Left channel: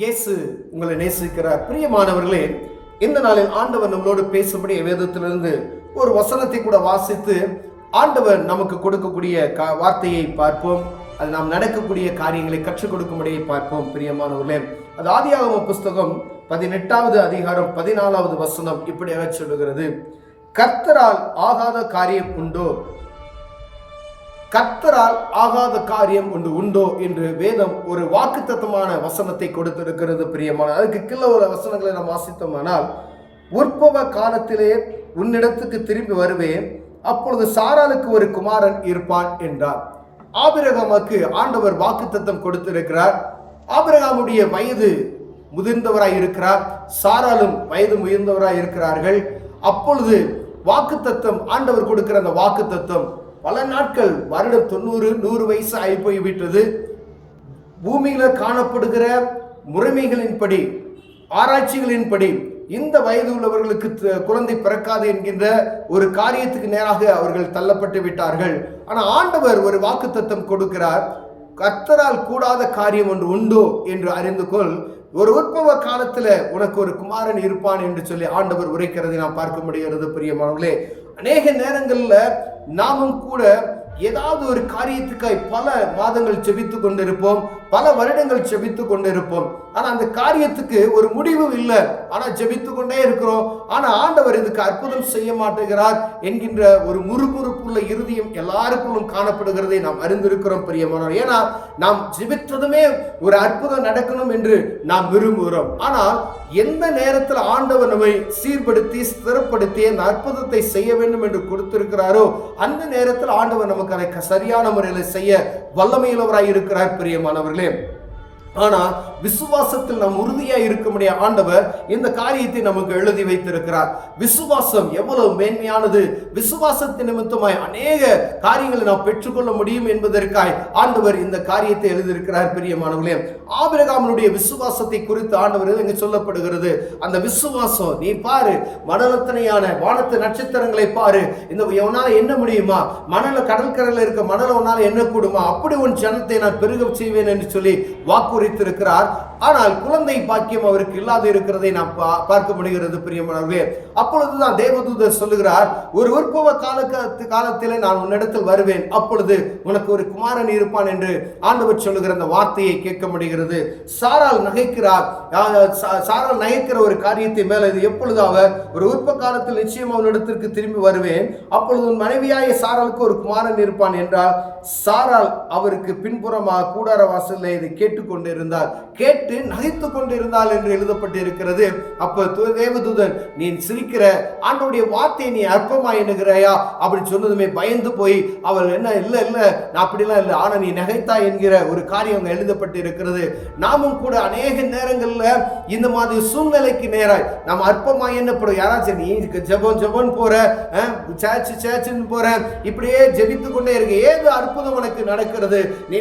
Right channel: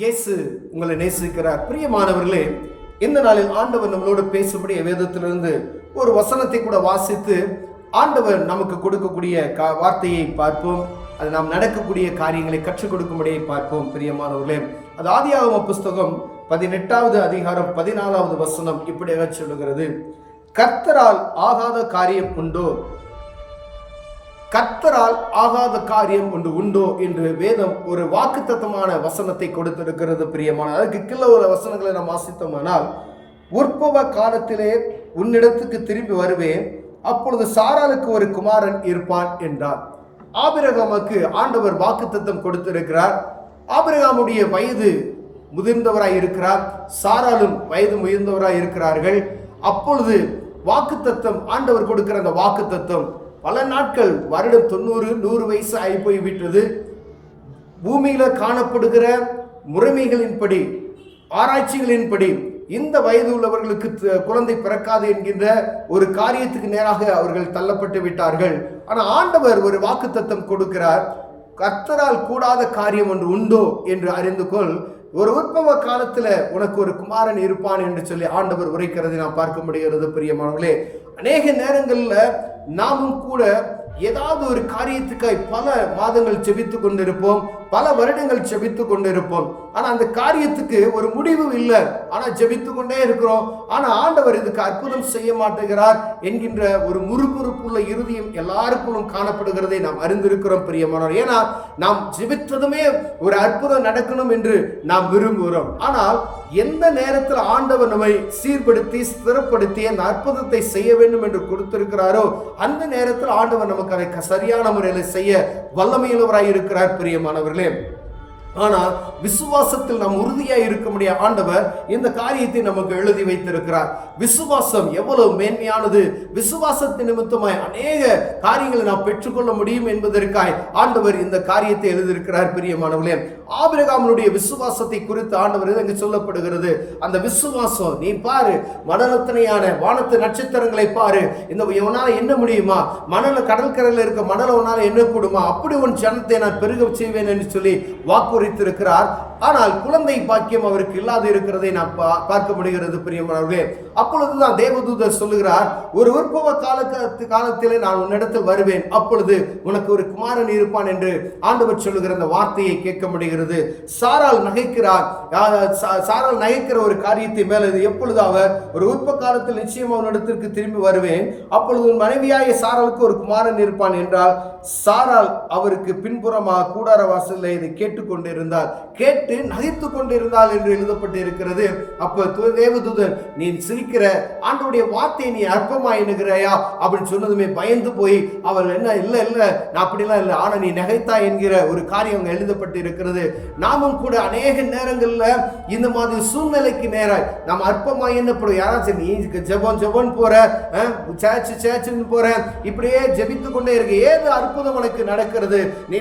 இயேசு உங்களை நேசிக்கிறார். பிரியமானவர்களே, இந்த நாளில் ஆண்டவர் நம்மளோடு பேசும்படி வேதத்திலிருந்து ஒரு வசனத்தை கூட வாசித்து ஆண்டவர் நமக்கு கொடுக்கக்கூடிய வார்த்தையை பார்ப்போம். அது நாம் நடக்கக்கூடிய காரியங்களை கற்றுக் கொடுக்கும்படியை பார்ப்போம். பிரியமானவர்களே, அது ஆதியாகம புஸ்தகம் 18வது அதிகாரம் 14வது வசனம் இப்படியாக சொல்லுகிறது: கர்த்தரால் ஆகாத காரியம் உண்டோ? கர்த்தரால் ஆகாத காரியம் ஒன்று உண்டோ என்று வேதம் ஒரு வாக்குத்தத்தமான வசனத்தை கொடுத்திருக்கிறது. பிரியமான, அதுக்கு கீழே உள்ள வசனங்களை நாம் வாசித்தோமானால், உற்பவ காலத்திலே உன்னிடத்துக்கு திரும்பி வருவேன், அப்பொழுது சாராளுக்கு ஒரு குமாரன் இருப்பான் என்றார். ஆபிரகாமுக்கு ஆண்டவர் வாக்குத்தத்தம் கொடுத்திருக்கிறார். ஆபிரகாமுடைய வயது முதிர்ந்தவராய் இருக்கிறார், சாராளும் வயது முதிர்ந்தவராய் இருக்கிறார்கள். அப்பொழுது வாக்குத்தத்தம், ஆண்டவர் கொடுக்கிற அந்த வாக்குத்தத்தம் பல நாட்கள், வருடம் 90-100 வயசு ஆகி போய்விட்டது. பூமியில காணப்படுகிற முறைமைகளின்படி, ஆராய்ச்சிகளின்படி இந்த வயது உள்ளவர்களுக்கு குழந்தை பிறக்காது என்கின்ற ஒரு காரியத்துக்கு நேராக அவர்கள் தள்ளப்பட்டு விட்டார்கள். ஆனால் ஆண்டவர் ஒரு வாக்குத்தத்தம் கொடுக்கிறார். கர்த்தரால் கூடாத காரியம் ஒன்று உண்டோ என்று அறிந்து கொள், ஒரு உற்பவ காலத்தில் உனக்கு ஒரு குமாரன் இருப்பான் என்று சொல்லி ஆண்டவர் உரைக்கிறதை நாம் பார்க்க முடிகிறது. பிரியமானவர்களே, அநேக நேரங்களில் நாமும் கூட ஏதாவது ஒரு காரியத்துக்காய் பல மாதங்கள் செபித்து கொண்டிருப்போம், பல வருடங்கள் செபித்து கொண்டிருப்போம். ஆனால் அந்த காரியத்துக்கு ஒரு முடிவு இல்லை. ஆனால் ஜெபித்து கொண்டே இருக்கிறோம். ஆனால் ஆண்டவர் இதுக்கு அற்புதம் செய்ய மாட்டேங்கிறார் என்கின்ற ஒரு முறுமுறுப்புள்ள இருதயம் எல்லாருக்குள்ளும் காணப்படுகிறதை நாம் அறிந்திருக்கிறோம். பிரியமானவர், ஏன்னா நாம் ஜெபித்ததுமே ஒரு அற்புதம் நடக்கணும் என்று நாம் விரும்புகிறோம். ஆனால் எந்த நேரத்தில் ஆண்டவர் நம்மை சீர்படுத்தி ஸ்திரப்படுத்தி அந்த அற்புதத்தை செய்ய வேண்டும் என்று கொடுத்திருக்கிறாரோ அந்த நேரத்தில் ஆண்டவர் நமக்கு அதை சரியான முறையில் செய்ய வல்லமையுள்ளவராய் இருக்கிறார். பிரியமானவர்களே, ஆனால் விசுவாசத்தில் நாம் உறுதியாக இருக்க முடிய ஆண்டவர் இந்த காரியத்தை நமக்கு எழுதி வைத்திருக்கிறார். விசுவாசம் எவ்வளவு மேன்மையானது, விசுவாசத்தின் நிமித்தமாய் அநேக காரியங்களை நாம் பெற்றுக்கொள்ள முடியும் என்பதற்காய் ஆண்டவர் இந்த காரியத்தை எழுதியிருக்கிறார். பிரியமானவர்களே, ஆபிரகாமுடைய விசுவாசத்தை குறித்து ஆண்டவர் இங்கே சொல்லப்படுகிறது. அந்த விசுவாசம், நீ பாரு, மணலத்தனையான வானத்து நட்சத்திரங்களை பாரு, இந்த உன்னால என்ன முடியுமா? மணல கடற்கரையில் இருக்க மணல உன்னால என்ன கூடுமா? அப்படி உன் ஜனத்தை நான் பெருக செய்வேன் என்று சொல்லி வாக்கு இருக்கிறார். ஆனால் குழந்தை பாக்கியம் அவருக்கு இல்லாது இருக்கிறதை நாம் பார்க்க முடிகிறது. பிரியமானவர்களே, அப்பொழுதுதான் தேவதூதர் சொல்லுகிறார், ஒரு உற்பவ காலத்திலே நான் உன்னிடத்தில் வருவேன், அப்பொழுது உனக்கு ஒரு குமாரன் இருப்பான் என்று ஆண்டவர் சொல்லுகிற அந்த வார்த்தையை கேட்க முடிகிறது. சாராள் நகைக்கிறார். சாராள் நகைக்கிற ஒரு காரியத்தை மேல, எப்பொழுது அவர் ஒரு உற்ப காலத்தில் நிச்சயம் அவனிடத்திற்கு திரும்பி வருவேன், அப்பொழுது உன் மனைவியாய சாராளுக்கு ஒரு குமாரன் இருப்பான் என்றால், சாராள் அவருக்கு பின்புறமாக கூடார வாசலில் இதை கேட்டுக்கொண்டிருந்தார், கேட்டு நகைத்து கொண்டிருந்தாள் என்று எழுதப்பட்டு இருக்கிறது. அப்ப தேவதூதன், நீ சிரிக்கிற, ஆண்டவருடைய வார்த்தையை நீ அற்பமா எண்ணுகிறாயா அப்படின்னு சொன்னதுமே பயந்து போய் அவள், என்ன இல்ல இல்ல நான் அப்படிலாம் இல்லை, ஆனா நீ நகைத்தா என்கிற ஒரு காரியம் எழுதப்பட்டு இருக்கிறது. நாமும் கூட அநேக நேரங்கள்ல இந்த மாதிரி சூழ்நிலைக்கு நேராய் நாம் அற்பமா எண்ணப்படும். யாராச்சும் நீ ஜெபம் போற, சேர்ச்சுன்னு போற, இப்படியே ஜெபித்து கொண்டே இருக்க, ஏது அற்புதம் உனக்கு நடக்கிறது? நீ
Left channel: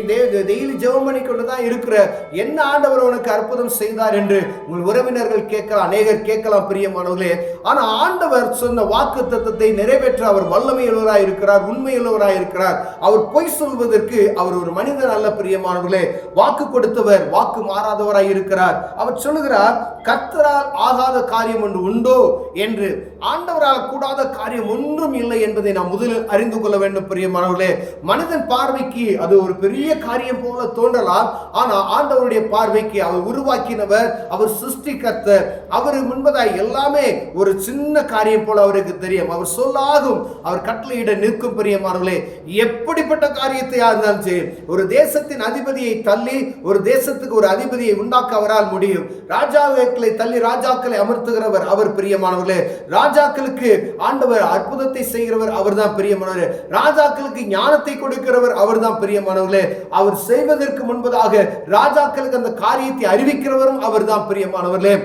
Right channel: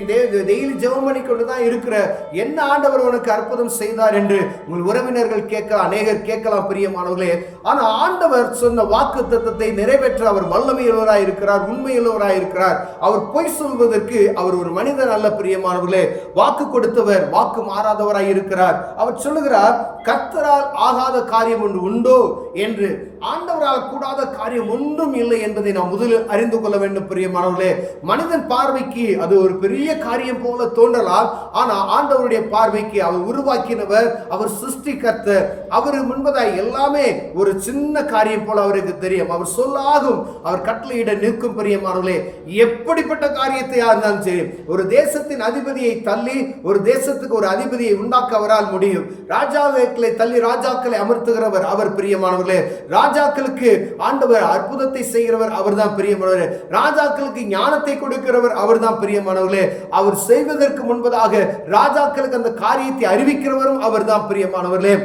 டெய்லி ஜெபம் பண்ணி கொண்டுதான் இருக்கிற, என்ன ஆண்டவர் உனக்கு அற்புதம் செய்தார் என்று உங்கள் உறவினர்கள் கேட்கலாம், அநேகர் கேட்கலாம். பிரியமானவர்களே, ஆனா ஆண்டவர் சொன்ன வாக்குத்தத்தத்தை நிறைவேற்ற அவர் வல்லமையுள்ளவராய் இருக்கிறார், உண்மையுள்ளவராய் இருக்கிறார். அவர் பொய் சொல்வதற்கு அவர் ஒரு மனிதன் அல்ல. பிரியமானவர்களே, வாக்கு கொடுத்தவர் வாக்கு மாறாதவராய் இருக்கிறார். அவர் சொல்லுகிறார், கர்த்தரால் ஆகாத காரியம் ஒன்று உண்டோ என்று. ஆண்டவரால் கூடாத காரியம் ஒன்றும் இல்லை என்பதை நாம் முதலில் அறிந்து கொள்ள வேண்டும். பிரியமானவர்களே, மனிதன் பார்வைக்கு அது ஒரு பெரிய காரியம் போல தோன்றலாம். ஆனால் ஆண்டவருடைய பார்வைக்கு அவர் உருவாக்கினவர், அவர் சிருஷ்டிகர்த்தர், அவர் முன்பதாய் எல்லாமே ஒரு சின்ன காரியம் போல அவருக்கு தெரியும். அவர் சொல்லாகும், அவர் கட்டளையிட நிற்கும். பிரியமானவர்களே, எப்படிப்பட்ட காரியத்தை இருந்தாலும் சரி, ஒரு தேசத்தின் அதிபதியை தள்ளி ஒரு தேசத்துக்கு ஒரு அதிபதியை உண்டாக்க அவரால் முடியும். ராஜாக்களை தள்ளி ராஜாக்களை அமர்த்துகிறவர் அவர். பிரியமானவர்களே, ராஜாக்களுக்கு ஆண்டவர் அற்புதத்தை செய்கிறவர் அவர் தான். பிரியமானவர்களே, ராஜாக்களுக்கு ஞானத்தை கொடுக்கிறவர் அவர் தான். பிரியமானவர்களே, அவர் செய்வதற்கு முன்பதாக ராஜாக்களுக்கு அந்த காரியத்தை அறிவிக்கிறவரும் அவர் தான். பிரியமானவர்களே,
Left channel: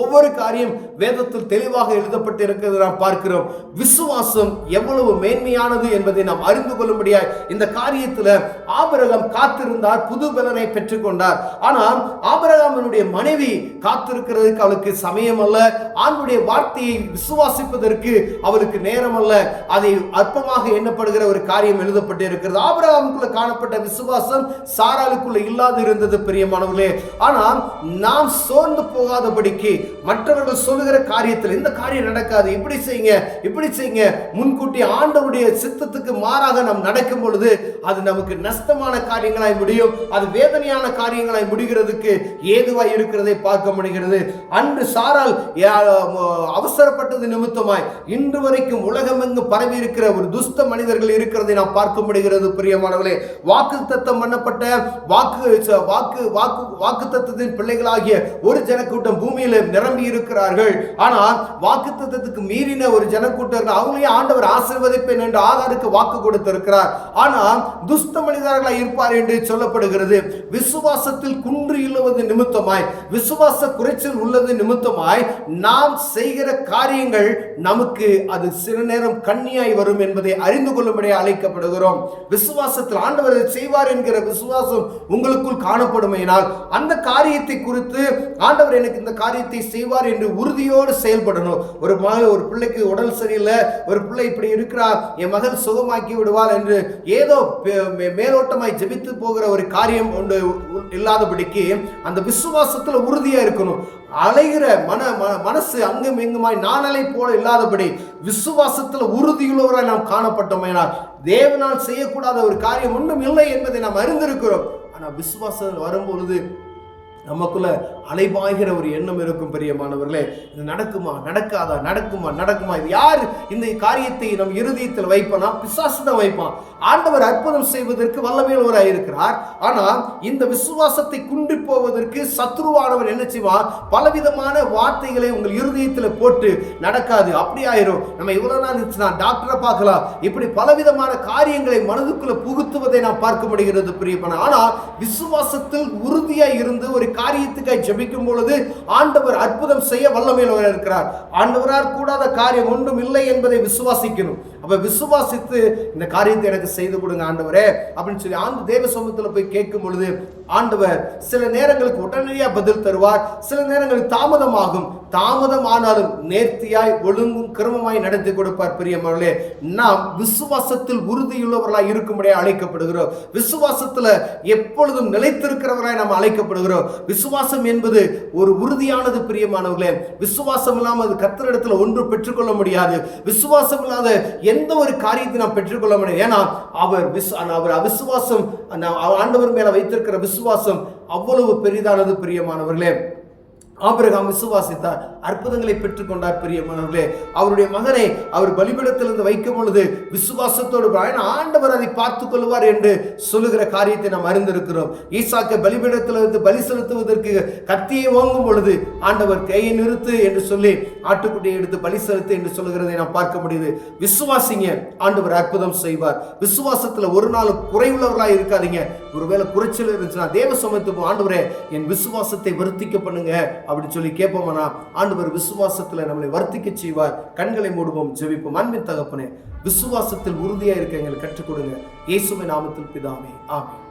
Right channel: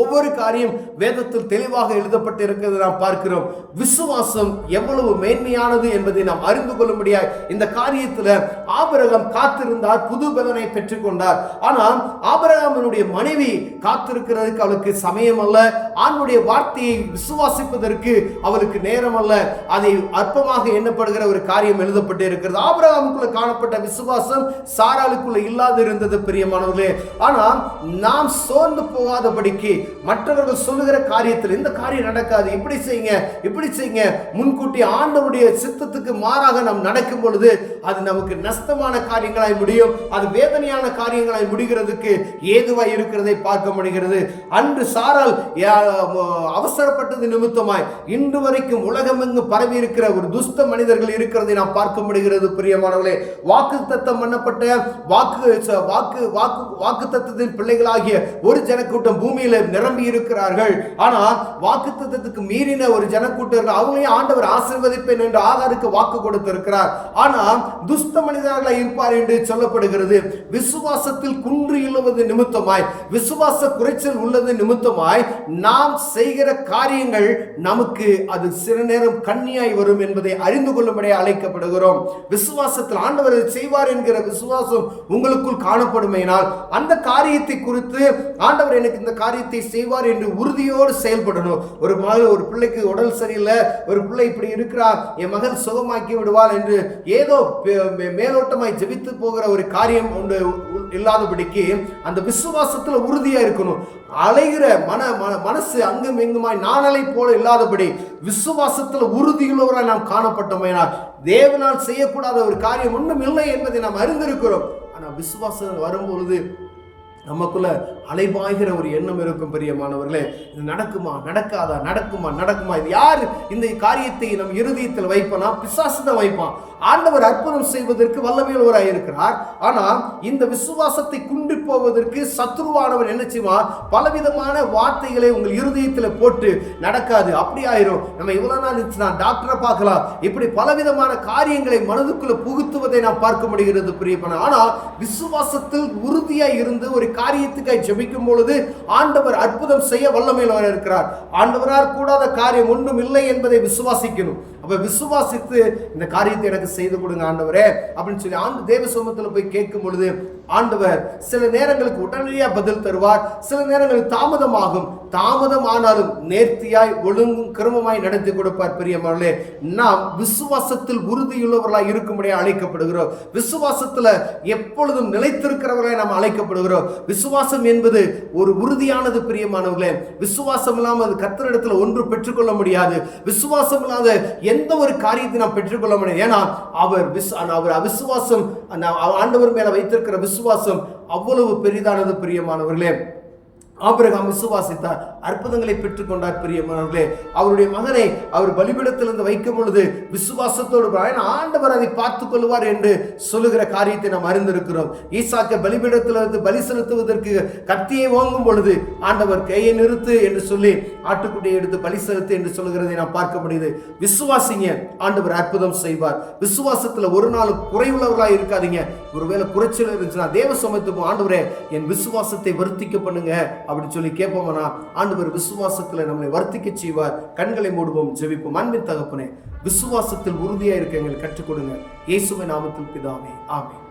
ஒவ்வொரு காரியம் வேதத்தில் தெளிவாக எழுதப்பட்டு இருக்கிறது நாம் பார்க்கிறோம். விசுவாசம் எவ்வளவு மேன்மையானது என்பதை நாம் அறிந்து கொள்ளும்படியாய் இந்த காரியத்தில் ஆபிரகாம் காத்திருந்தார், புது பலனை பெற்றுக்கொண்டார். ஆனால் ஆபிரகாமினுடைய மனைவி காத்திருக்கிறதுக்கு அவளுக்கு சமயம் அல்ல, ஆண்டுடைய வார்த்தையை விசுவாசிப்பதற்கு அவளுக்கு நேரம் அல்ல. அதை அற்பமாக எண்ணப்படுகிற ஒரு காரியம் எழுதப்பட்டு இருக்கிறது. ஆபிரகாமுக்குள்ள காணப்பட்ட விசுவாசம் சாராளுக்குள்ள இல்லாது இருந்தது பிரியமானவர்களே. ஆனால் நாம் சோர்ந்து போகாதபடிக்கு மற்றவர்கள் சொல்லுகிற காரியத்தில் இந்த காரியம் நடக்காது, இப்படி செய்யுங்க இப்படி செய்யுங்க, முன்கூட்டி ஆண்டவருடைய சித்தத்துக்கு மாறாக நாம் நடக்கும் பொழுது அது நமக்கு நஷ்டமான காரியங்களாய் முடியும், அது வேதனையான காரியங்களாய் முடிகிறதுக்கு ஏதுவாய் இருக்கிறதை பார்க்க முடிகிறது. அன்று சாரால் அவசரப்பட்டது நிமித்தமாய் இன்று வரைக்கும் உலகமெங்கும் பரவி இருக்கிற ஒரு துஷ்ட மனிதர்கள் இருக்கிறதை நாம் பார்க்க முடிகிறது பிரியமானவர்களே. வாக்குத்தத்தம் பண்ணப்பட்ட வாக்குத்தத்தத்தின் பிள்ளைகளாகிய ஒரு ஜனக்கூட்டம் பூமியில நிரம்பி இருக்கிறார்கள். ஆனால் வாக்குத்தத்தத்துக்கு மீறின ஒரு ஜனக்கூட்டம் அவங்களையும் ஆண்டவர் ஆசீர்வதிப்பேன் என்று ஆகாருக்கு வாக்கு கொடுத்திருக்கிறார். ஆனால் துஷ்ட மனிதர்களாக இருப்பார் என்று சொல்லப்படுகிறது. விசுவாசத்தில் குன்று இழுவது நிமித்தமாய், விசுவாச குறைச்சல் உள்ளது நிமித்தமாய் நாம் செய்கிற காரியங்கள் நமக்கு அது சில நேரம் கண்ணியாய் வரும் என்பதை அறிந்து கொள்ளும்படி அழைக்கப்படுகிறோம். விசுவாசத்தில் ஆண்டவர் செய்வார் என்கிற விசுவாசம் உங்களுக்குள் காணப்படுமையினால் அந்த காரியத்தை குறித்து ஆண்டவர் எனக்கு இந்த காரியத்தை செய்வார் என்று உறுதியோடு செயல்படணும். ஒரு பிள்ளைக்கு உடல் சரியில்லை, ஒரு பிள்ளை இப்படி இருக்கிறார், என் மகள் சுகமாக்கி விடுவாள் என்று ஏதோ மேலோட்டமாய் ஜெபித்து போகிற ஒரு காரியம் ஒன்று இல்லாதபடிக்கு அந்த விசுவாசத்தில் உறுதியா இருக்கணும். அலைகிற மனசு அங்கும் எங்குமாய் நாணலை போல இல்லாதபடி விசுவாசத்தில் உறுதியுள்ளவராய் நாம் காணப்பட்டோமேனால் தேவனால் செய்யக்கூடாத ஒரு காரியம் ஒன்றும் இல்லை என்பதை நாம் அறிந்திருக்கிறோம். ஆனால் விசுவாசம் வரும்பொழுது நமக்குள்ள அலைபாய்கிற ஒரு எண்ணம் இருக்கும் பிரியமானவர்களே. இது நடக்குமா நடக்காதா, நடக்குமா நடக்குமா, இது யார் இந்த காரியத்தை நம் இருதயத்தில் வைப்பானா? பிசாசு தான் வைப்பான். ஆண்டவர் அற்புதம் செய்வதற்கு வல்லமையுள்ளவராய் இருக்கிறார். ஆனால் இந்த விசுவாசத்தை குன்றி போவதற்கு சத்ருவானவர் என்ன செய்வான்? பலவிதமான வார்த்தைகளை உங்கள் இருதயத்தில் போட்டு நடக்காது, அப்படி ஆயிரும், நம்ம இவ்வளவு நாள் நான் டாக்டரை பார்க்கலாம், இப்படி பலவிதமான காரியங்களை மனதுக்குள்ள புகுத்துவதை நாம் பார்க்க முடிகிறது பிரியமான. ஆனால் விசுவாசத்தில் உறுதியாய் இருந்து ஒரு காரியத்துக்காய் ஜெபிக்கும் பொழுது ஆண்டவர் அற்புதம் செய்ய வல்லமையுள்ளவர் இருக்கிறார். ஆண்டவரால் கூடாத காரியம் ஒன்றும் இல்லை என்பதை விசுவாசிக்கணும். அப்ப விசுவாசித்து இந்த காரியத்தை எனக்கு செய்து கொடுங்க ஆண்டவரே அப்படின்னு சொல்லி ஆண்டு தேவ சமூகத்தில் போய் கேட்கும் பொழுது ஆண்டவர் சில நேரங்களுக்கு உடனடியாக பதில் தருவார், சில நேரங்களுக்கு தாமதமாகும். தாமதம் ஆனாலும் நேர்த்தியாய் ஒழுங்கும் கிரமமாய் நடத்தி கொடுப்பார். பிரியமானவர்களே, நாம் விசுவாசத்தில் உறுதியுள்ளவர்களாய் இருக்கும்படியாக அழைக்கப்படுகிறோம். விசுவாசத்தில் எப்பொழுதும் நிலைத்திருக்கிறவர்களாய் நாம் அழைக்கப்படுகிறோம். விசுவாசம் என்பது ஒரு உறுதியானது பிரியமானவர்களே. விசுவாசம் இல்லாமல் அது கர்த்தரிடத்தில் ஒன்று பெற்றுக்கொள்ள முடியாது. விசுவாசம் இல்லாத எந்த ஒரு காரியத்தை நாம் பெற்றுக்கொள்ள முடியாது. ஏன்னா அவர் அவிசுவாசம், ஆண்டவர் மேல வைத்திருக்கிற விசுவாசம் அவ்வளவு பெரிதானது பிரியமானவர்களே. ஆபிரகாம் விசுவாசித்தார், அற்புதங்களை பெற்றுக்கொண்டார் பிரியமானவர்களே. அவருடைய மகனை அவர் பலிபீடத்திலிருந்து வைக்கும் பொழுது விசுவாசத்தோடு ஆண்டவர் அதை பார்த்துக் கொள்வார் என்று சொல்லுகிற காரியத்தை நாம் அறிந்திருக்கிறோம். ஈசாக்கை பலிபீடத்திலிருந்து பலி செலுத்துவதற்கு கத்தியை ஓங்கும் பொழுது ஆண்டவர் கையை நிறுத்து என்று சொல்லி ஆட்டுக்குட்டியை எடுத்து பலி செலுத்து என்று சொல்லுகிறதை நாம் பார்க்க முடியுது. விசுவாசிங்க, ஆண்டவர் அற்புதம் செய்வார். விசுவாசத்தில் ஒரு நாள் குறைவுள்ளவர்களாக இருக்காதீங்க. ஒருவேளை குறைச்சல் இருந்துச்சுன்னா தேவ சமத்துவம், ஆண்டவரே என் விசுவாசத்தை வர்த்திக்க பண்ணுங்க அப்படி சொல்லி கேட்போம்னா ஆண்டவர் விசுவாசத்தில் நம்மளை வர்த்திக்க செய்வார். கண்களை மூடுவோம், ஜெபிப்போம். அன்பின் தகப்பனே, விசுவாசத்தில் உறுதியாக இருக்க எங்களுக்கு கற்றுக் கொடுங்க. இயேசுவின் நாமத்தில் பிதாவே, ஆமென்.